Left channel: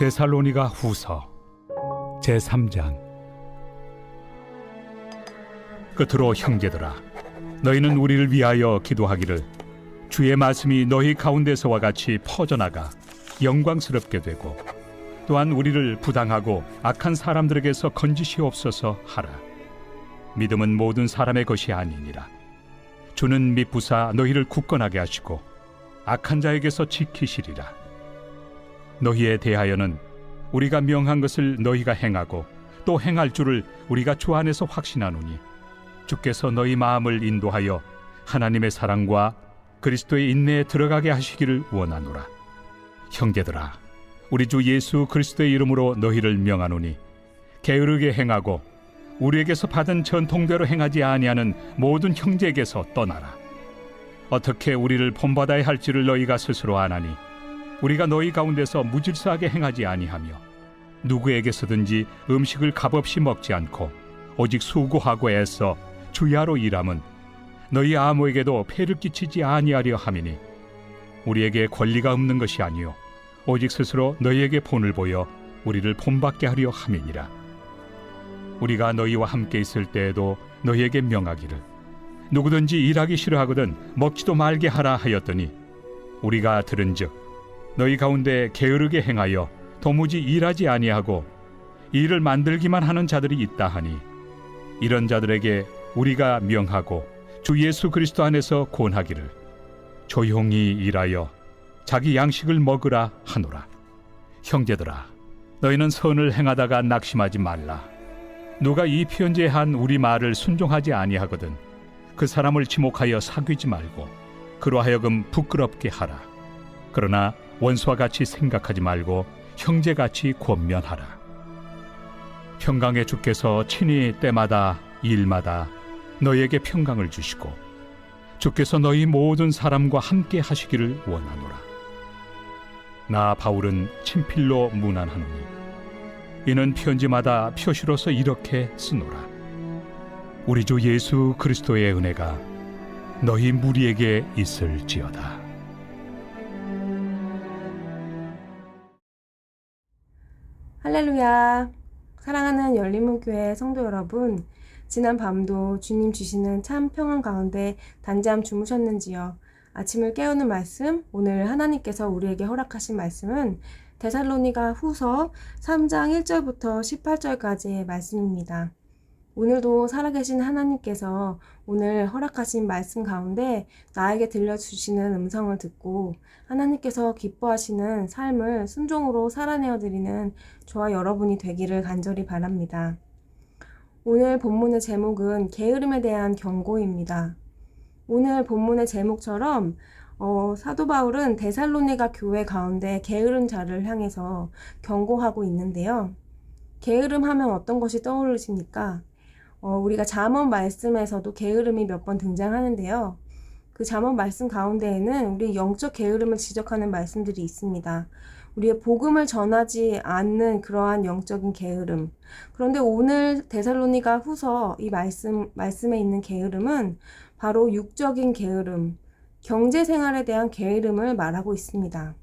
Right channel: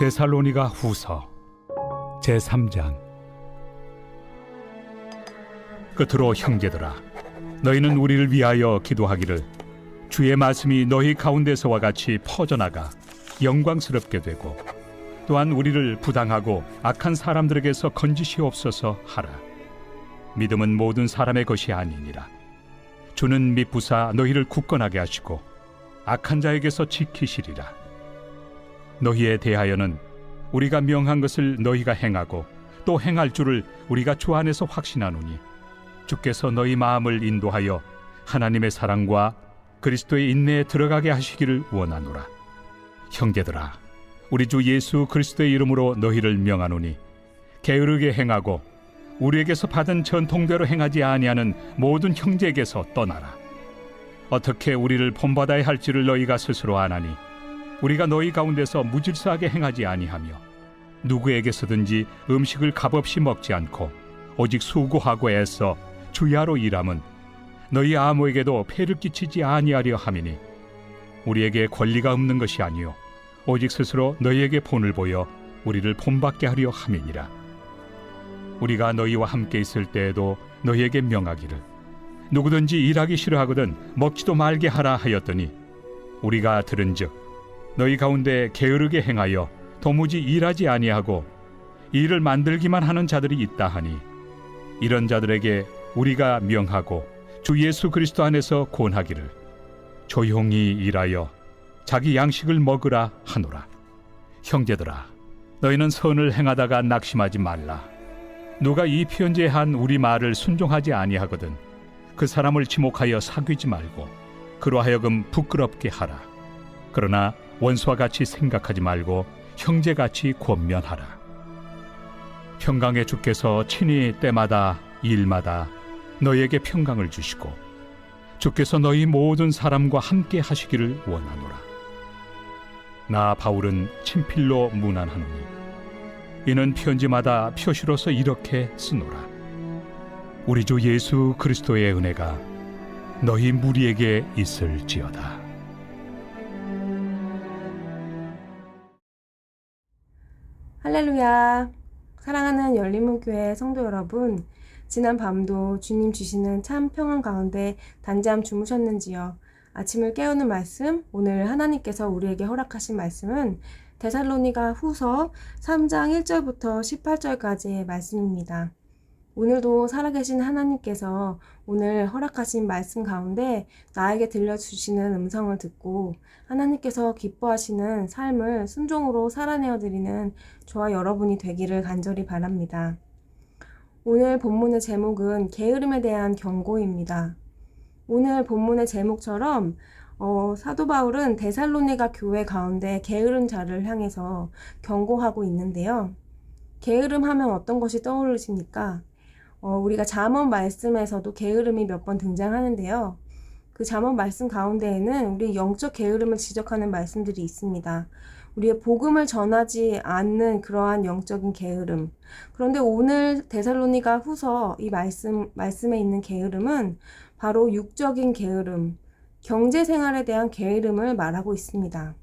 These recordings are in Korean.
데살로니가 후서 제3장. 끝으로 형제들아, 너희는 우리를 위하여 기도하기를 주의 말씀이 너희 가운데서와 같이 퍼져나가 영광스럽게 되고 또한 우리를 부당하고 악한 사람들에게서 건지시옵소서 하라. 믿음은 모든 사람의 것이 아니니라. 주는 미쁘사 너희를 굳건하게 하시고 악한 자에게서 지키시리라. 너희에 대하여는 우리가 명한 것을 너희가 행하고 또 행할 줄을 우리가 주 안에서 확신하노니 주께서 너희 마음을 인도하여 하나님의 사랑과 그리스도의 인내에 들어가게 하시기를 원하노라. 형제들아, 우리 주 예수 그리스도의 이름으로 너희를 명하노니 게으르게 행하고 우리에게서 받은 전통대로 행하지 아니하는 모든 형제에게서 떠나라. 어떻게 우리를 본받아야 할지를 너희가 스스로 아나니 우리가 너희 가운데서 무질서하게 행하지 아니하며 누구에게서든지 음식을 값없이 먹지 않고 오직 수고하고 애써 주야로 일함은 너희 아무에게도 폐를 끼치지 아니하려 함이니 우리에게 권리가 없는 것이 아니요 오직 스스로 너희에게 본을 보여 우리를 본받게 하려 함이니라. 우리가 너희와 함께 있을 때에도 너희에게 명하기를 누구든지 일하기 싫어하거든 먹지도 말게 하라 하였더니 우리가 들은즉 너희 가운데 게으르게 행하여 도무지 일하지 아니하고 일을 만들기만 하는 자들이 있다 하니 이런 자들에게 우리가 명하고 주 예수 그리스도 안에서 권하기를 조용히 일하여 자기 양식을 먹으라 하노라. 형제들아, 너희는 선을 행하다가 낙심하지 말라. 누가 이 편지에 한 우리 말을 순종하지 아니하거든 그 사람을 지목하여 사귀지 말고 그로 하여금 부끄럽게 하라. 그러나 원수와 같이 생각하지 말고 형제같이 권면하라. 평강의 주께서 친히 때마다 일마다 너희에게 평강을 주시고 주께서 너희 모든 사람과 함께 하시기를 원하노라. 나 바울은 친필로 문안하노니 이는 편지마다 표시로서 이렇게 쓰노라. 우리 주 예수 그리스도의 은혜가 너희 무리에게 있을지어다. 할렐루야. 사랑하는 열린문교회 성도 여러분, 지난 밤도 주님 주시는 참 평안 가운데 단잠 주무셨는지요? 아침을 깨우는 말씀, 오늘 하나님께서 우리에게 허락하신 말씀은 데살로니가 후서 3장 1절부터 18절까지의 말씀입니다. 오늘도 살아계신 하나님께서 오늘 허락하신 말씀 가운데 나에게 들려주시는 음성을 듣고 하나님께서 기뻐하시는 삶을 순종으로 살아내어 드리는 저와 여러분이 되기를 간절히 바랍니다. 오늘 본문의 제목은 게으름에 대한 경고입니다. 오늘 본문의 제목처럼 사도 바울은 데살로니가 교회 가운데 게으른 자를 향해서 경고하고 있는데요. 게으름 하면 어떤 것이 떠오르십니까? 우리가 잠언 말씀에서도 게으름이 몇 번 등장하는데요. 그 잠언 말씀 가운데에는 우리 영적 게으름을 지적하는 말씀들이 있습니다. 우리의 복음을 전하지 않는 그러한 영적인 게으름. 그런데 오늘 데살로니가 후서 이 말씀에 있는 게으름은 바로 육적인 게으름, 경제 생활에 대한 게으름을 말하고 있습니다.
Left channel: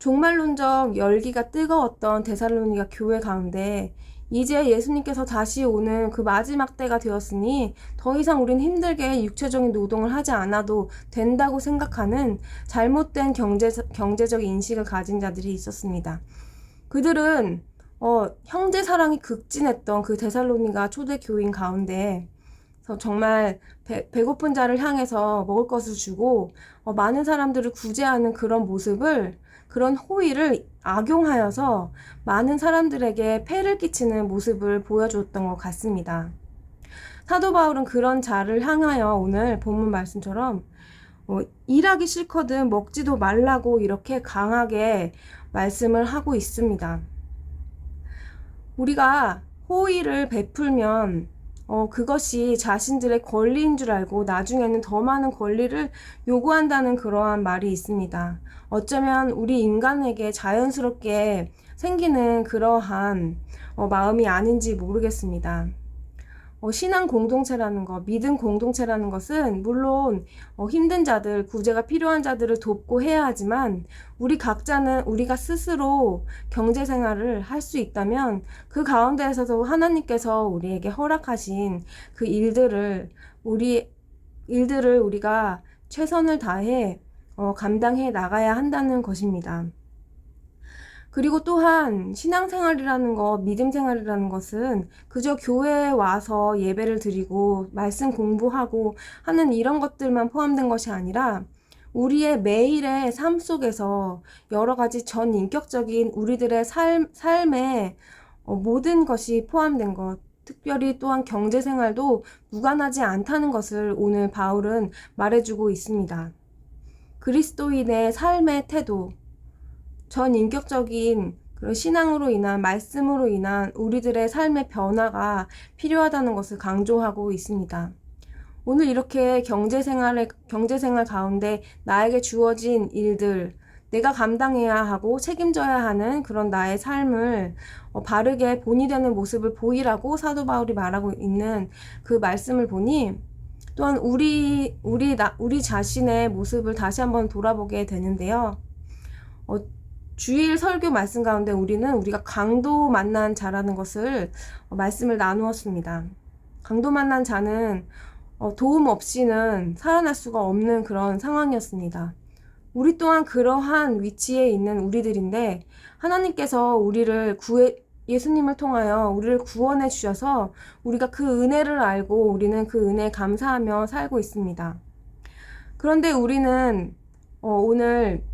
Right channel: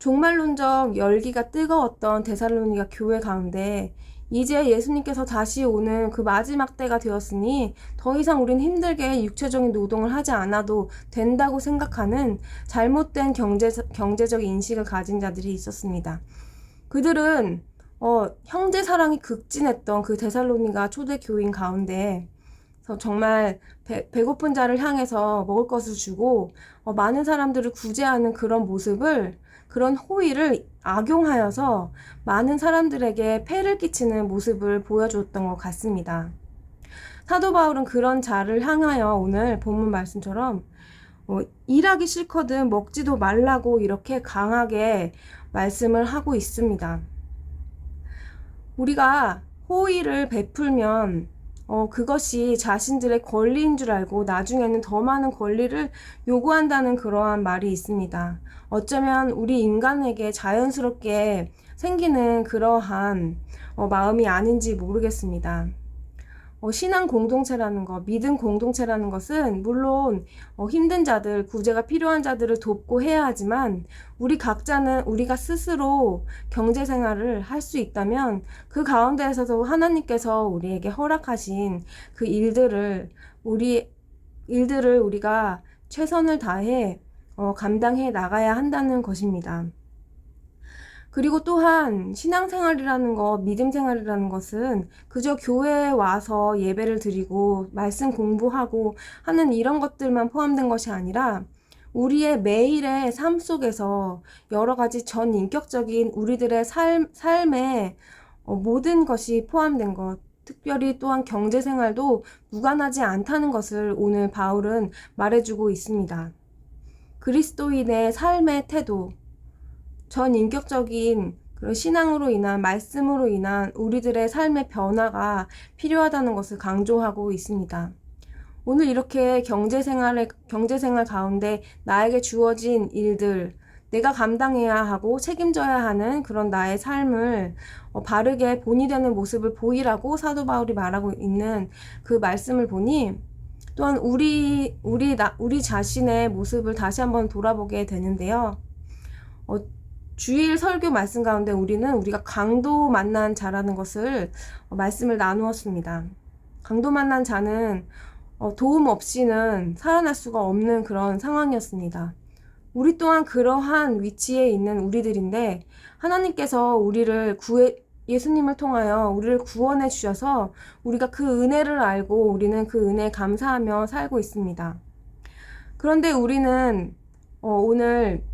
종말론적 열기가 뜨거웠던 데살로니가 교회 가운데 이제 예수님께서 다시 오는 그 마지막 때가 되었으니 더 이상 우린 힘들게 육체적인 노동을 하지 않아도 된다고 생각하는 잘못된 경제적 인식을 가진 자들이 있었습니다. 그들은 형제 사랑이 극진했던 그 데살로니가 초대 교인 가운데 정말 배고픈 자를 향해서 먹을 것을 주고 많은 사람들을 구제하는 그런 모습을, 그런 호의를 악용하여서 많은 사람들에게 폐를 끼치는 모습을 보여줬던 것 같습니다. 사도 바울은 그런 자를 향하여 오늘 본문 말씀처럼 일하기 싫거든 먹지도 말라고 이렇게 강하게 말씀을 하고 있습니다. 우리가 호의를 베풀면 그것이 자신들의 권리인 줄 알고 나중에는 더 많은 권리를 요구한다는 그러한 말이 있습니다. 어쩌면 우리 인간에게 자연스럽게 생기는 그러한 마음이 아닌지 모르겠습니다. 신앙 공동체라는 것, 믿음 공동체라는 것은 물론 힘든 자들, 구제가 필요한 자들을 돕고 해야 하지만 우리 각자는 우리가 스스로 경제 생활을 할 수 있다면 그 가운데에서도 하나님께서 우리에게 허락하신 그 일들을 우리가 최선을 다해 감당해 나가야 한다는 것입니다. 그리고 또한 신앙생활이라는 것, 믿음생활이라는 것은 그저 교회에 와서 예배를 드리고 말씀 공부하고 하는 이런 것들만 포함된 것이 아니라 우리의 매일의 삶 속에서 여러 가지 전인격적인 우리들의 삶에 모든 것이 포함된 것, 특별히 또한 경제생활도 무관하지 않다는 것을 오늘 바울은 말해주고 있습니다. 그리스도인의 삶의 태도, 전인격적인 그런 신앙으로 인한 말씀으로 인한 우리들의 삶의 변화가 필요하다는 것을 강조하고 있습니다. 오늘 이렇게 경제생활 가운데 나에게 주어진 일들, 내가 감당해야 하고 책임져야 하는 그런 나의 삶을 바르게 본이 되는 모습을 보이라고 사도 바울이 말하고 있는 그 말씀을 보니 또한 우리 자신의 모습을 다시 한번 돌아보게 되는데요. 주일 설교 말씀 가운데 우리가 강도 만난 자라는 것을 말씀을 나누었습니다. 강도 만난 자는 도움 없이는 살아날 수가 없는 그런 상황이었습니다. 우리 또한 그러한 위치에 있는 우리들인데 하나님께서 예수님을 통하여 우리를 구원해 주셔서 우리가 그 은혜를 알고 우리는 그 은혜에 감사하며 살고 있습니다. 그런데 우리는 오늘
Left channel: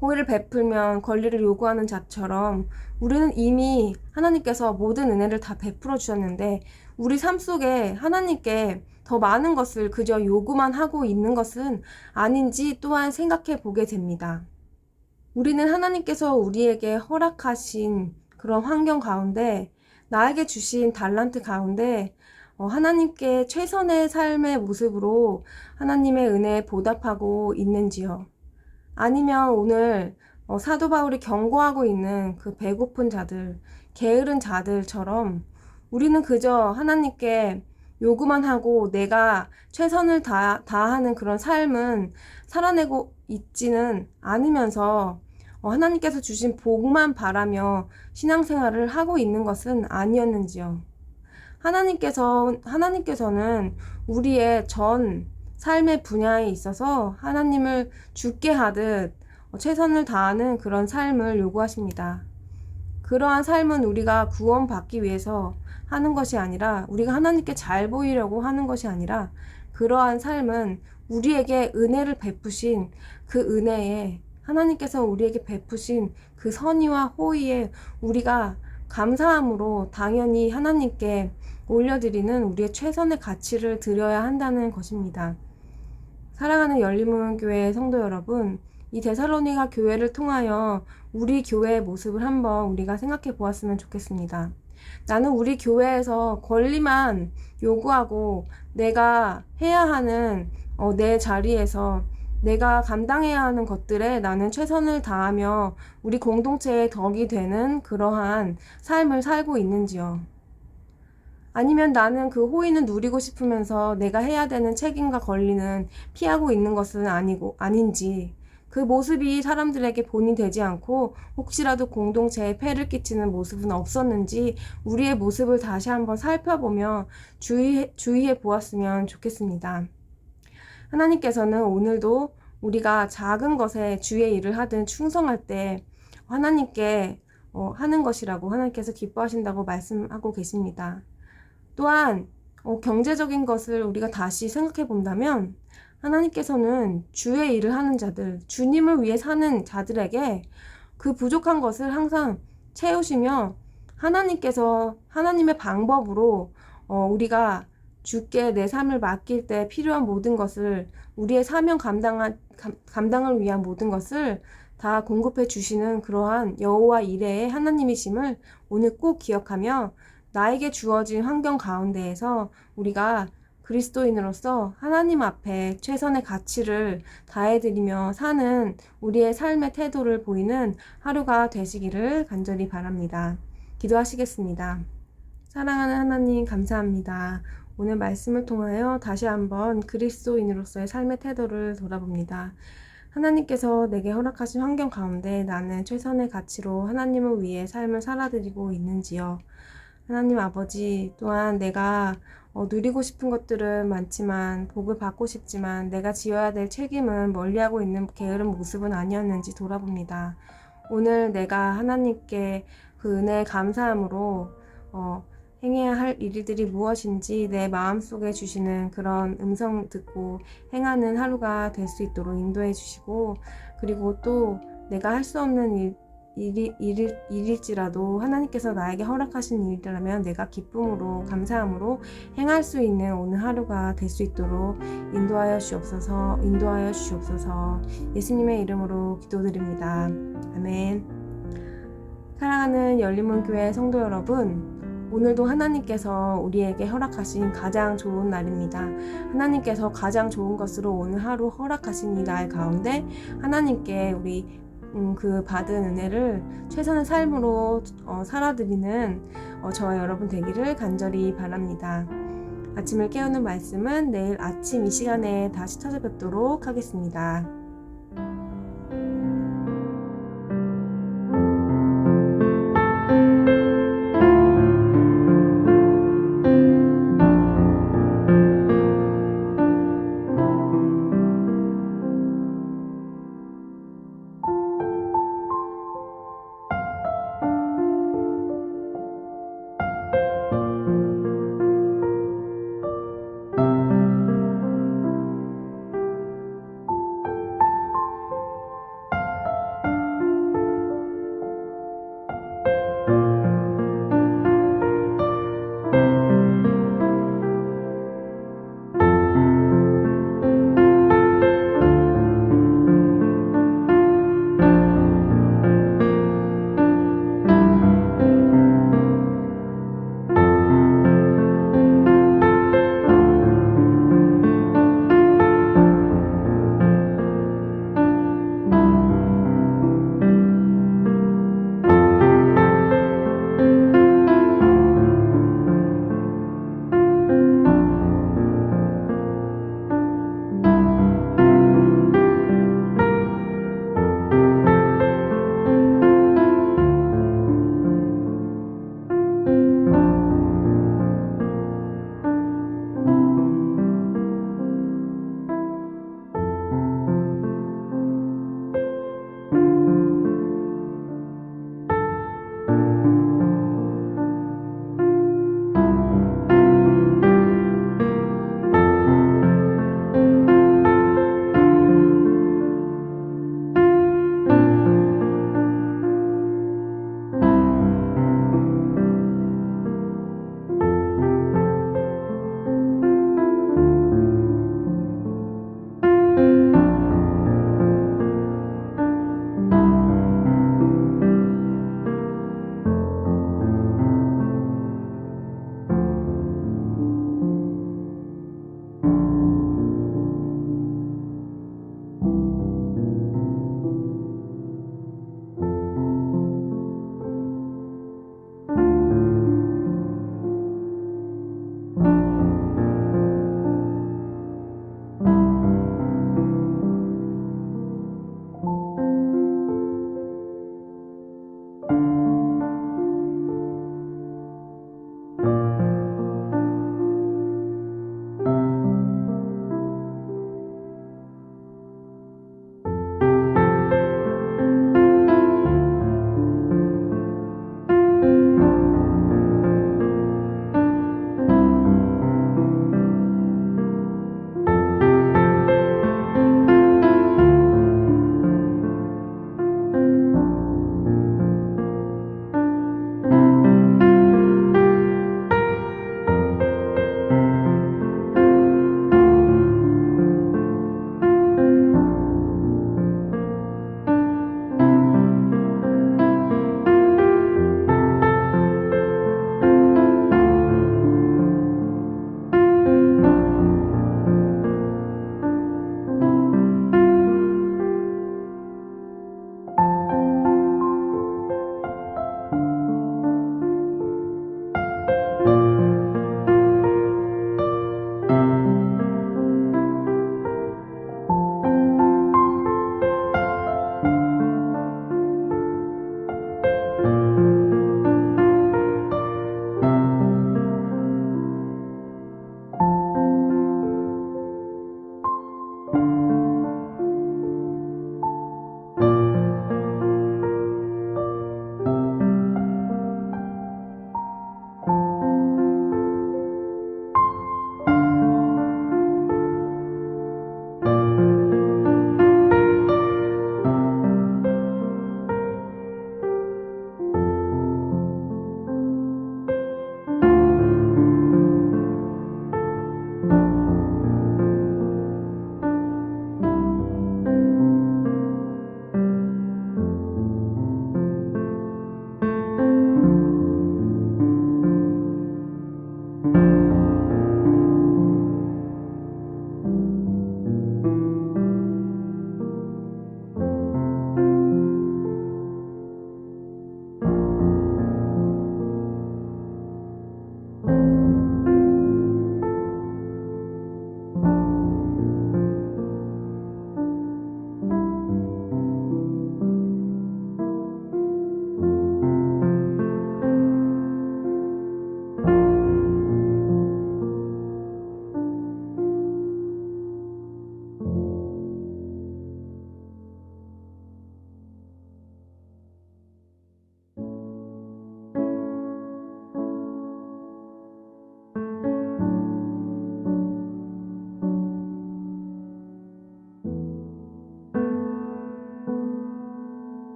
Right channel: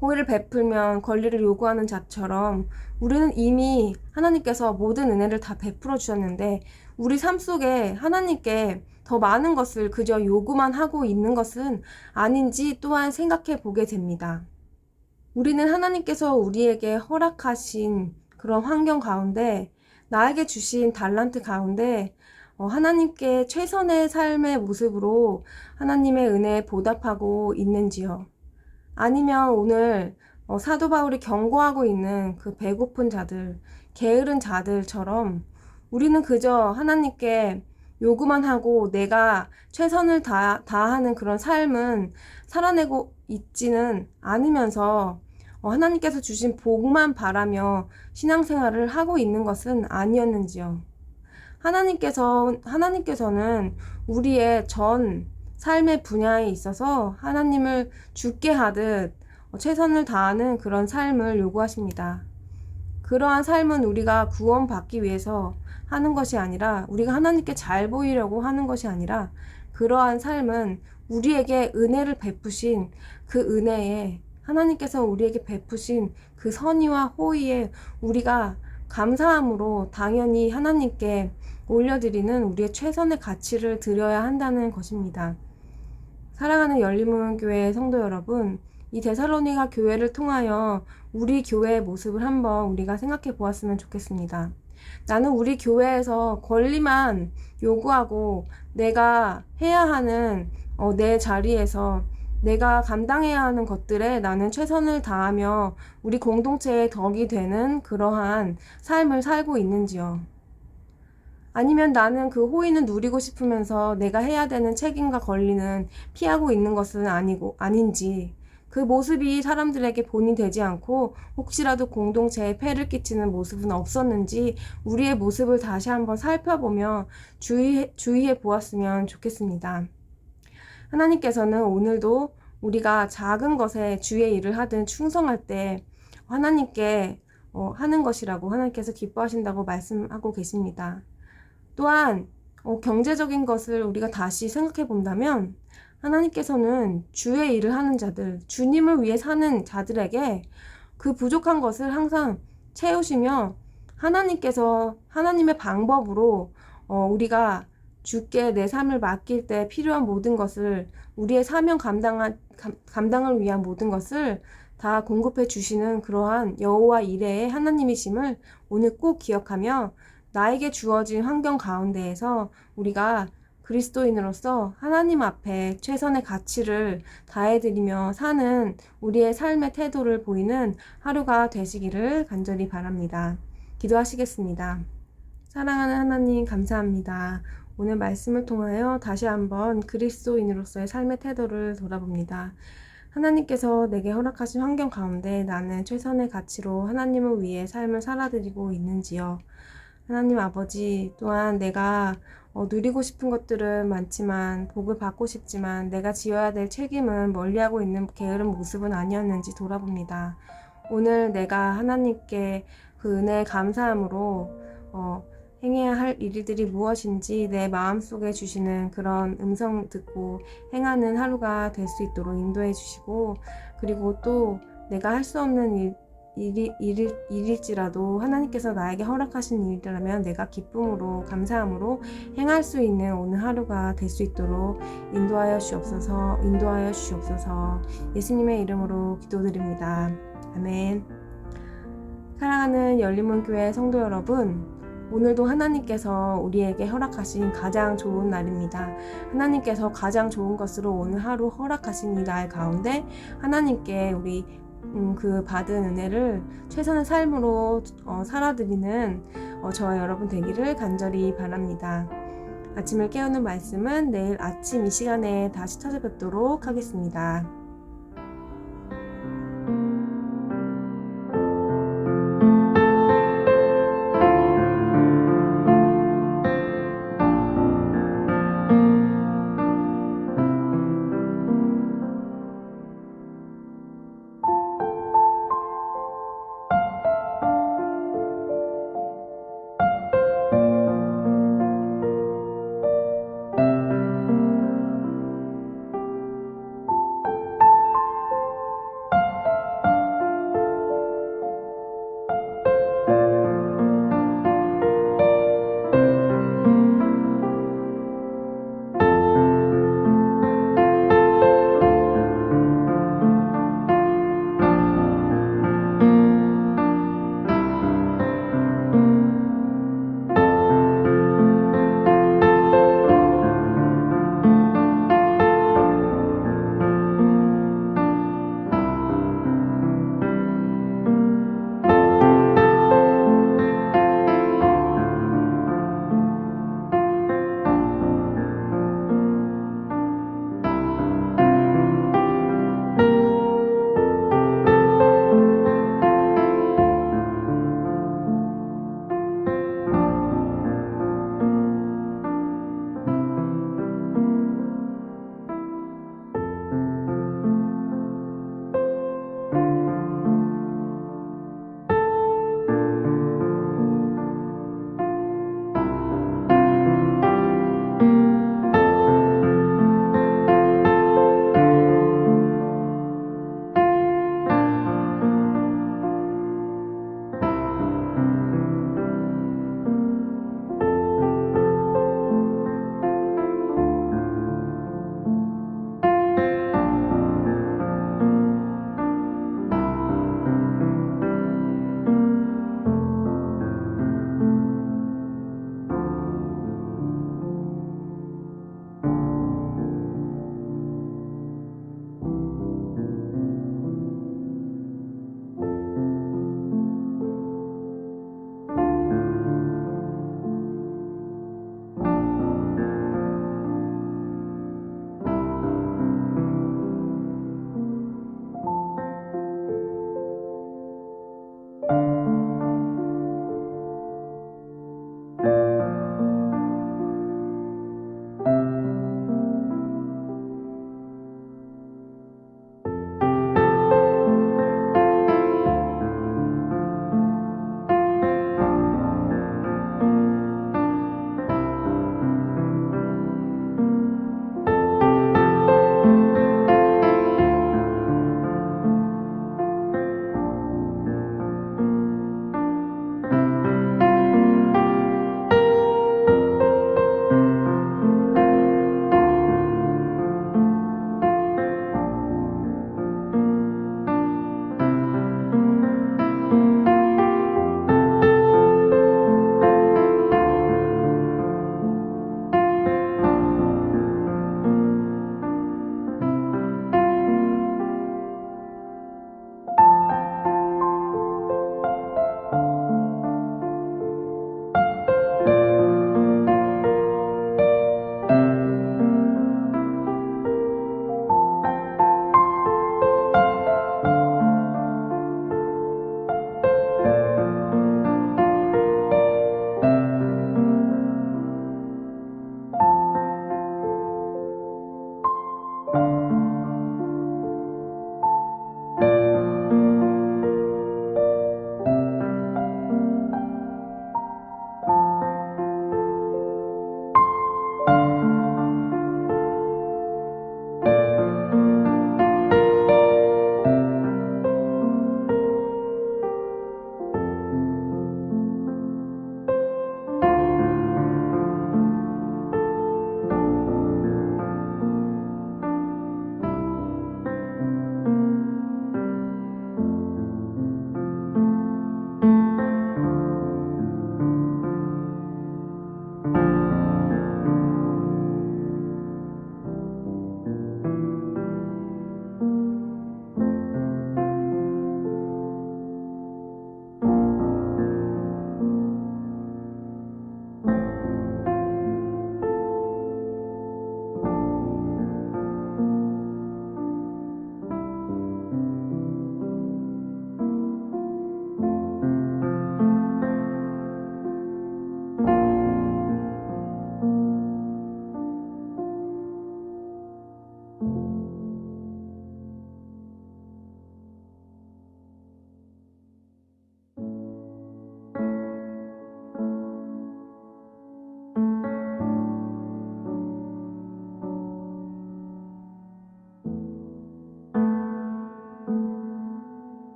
호의를 베풀면 권리를 요구하는 자처럼 우리는 이미 하나님께서 모든 은혜를 다 베풀어 주셨는데 우리 삶 속에 하나님께 더 많은 것을 그저 요구만 하고 있는 것은 아닌지 또한 생각해 보게 됩니다. 우리는 하나님께서 우리에게 허락하신 그런 환경 가운데 나에게 주신 달란트 가운데 하나님께 최선의 삶의 모습으로 하나님의 은혜에 보답하고 있는지요? 아니면 오늘 사도 바울이 경고하고 있는 그 배고픈 자들, 게으른 자들처럼 우리는 그저 하나님께 요구만 하고 내가 최선을 다하는 그런 삶은 살아내고 있지는 않으면서 하나님께서 주신 복만 바라며 신앙생활을 하고 있는 것은 아니었는지요. 하나님께서는 우리의 전 삶의 분야에 있어서 하나님을 죽게 하듯 최선을 다하는 그런 삶을 요구하십니다. 그러한 삶은 우리가 구원받기 위해서 하는 것이 아니라 우리가 하나님께 잘 보이려고 하는 것이 아니라 그러한 삶은 우리에게 은혜를 베푸신 그 은혜에 하나님께서 우리에게 베푸신 그 선의와 호의에 우리가 감사함으로 당연히 하나님께 올려드리는 우리의 최선의 가치를 드려야 한다는 것입니다. 사랑하는 열린문교회 성도 여러분, 이 데살로니가 교회를 통하여 우리 교회의 모습을 한번 우리가 생각해 보았으면 좋겠습니다. 나는 우리 교회에서 권리만 요구하고 내가 해야 하는 내 자리에서 내가 감당해야 하는 것들에 나는 최선을 다하며 우리 공동체의 덕이 되는 그러한 삶을 살고 있는지요? 아니면 나는 그 호의는 누리고 싶으면서 내가 해야 되는 책임과 권리는 피하고 있는 것은 아닌지, 그 모습이 사람들에게 본이 되지 않고 혹시라도 공동체에 폐를 끼치는 모습은 없었는지 우리의 모습을 다시 한번 살펴보며 주의해 보았으면 좋겠습니다. 하나님께서는 오늘도 우리가 작은 것에 주의 일을 하든 충성할 때 하나님께 하는 것이라고 하나님께서 기뻐하신다고 말씀하고 계십니다. 또한 경제적인 것을 우리가 다시 생각해 본다면 하나님께서는 주의 일을 하는 자들, 주님을 위해 사는 자들에게 그 부족한 것을 항상 채우시며 하나님의 방법으로 우리가 주께 내 삶을 맡길 때 필요한 모든 것을 우리의 사명 감당을 위한 모든 것을 다 공급해 주시는 그러한 여호와 이레의 하나님이심을 오늘 꼭 기억하며 나에게 주어진 환경 가운데에서 우리가 그리스도인으로서 하나님 앞에 최선의 가치를 다해드리며 사는 우리의 삶의 태도를 보이는 하루가 되시기를 간절히 바랍니다. 기도하시겠습니다. 사랑하는 하나님 감사합니다. 오늘 말씀을 통하여 다시 한번 그리스도인으로서의 삶의 태도를 돌아봅니다. 하나님께서 내게 허락하신 환경 가운데 나는 최선의 가치로 하나님을 위해 삶을 살아드리고 있는지요? 하나님 아버지, 또한 내가 누리고 싶은 것들은 많지만 복을 받고 싶지만 내가 지어야 될 책임은 멀리하고 있는 게으른 모습은 아니었는지 돌아봅니다. 오늘 내가 하나님께 그 은혜에 감사함으로 행해야 할 일들이 무엇인지 내 마음속에 주시는 그런 음성 듣고 행하는 하루가 될 수 있도록 인도해 주시고, 그리고 또 내가 할 수 없는 일일지라도 하나님께서 나에게 허락하신 일이라면 내가 기쁨으로 감사함으로 행할 수 있는 오늘 하루가 될 수 있도록 인도하여 주옵소서. 예수님의 이름으로 기도드립니다. 아멘. 사랑하는 열린문교회 성도 여러분, 오늘도 하나님께서 우리에게 허락하신 가장 좋은 날입니다. 하나님께서 가장 좋은 것으로 오늘 하루 허락하신 이 날 가운데 하나님께 우리 그 받은 은혜를 최선의 삶으로 살아드리는 저와 여러분 되기를 간절히 바랍니다. 아침을 깨우는 말씀은 내일 아침 이 시간에 다시 찾아뵙도록 하겠습니다.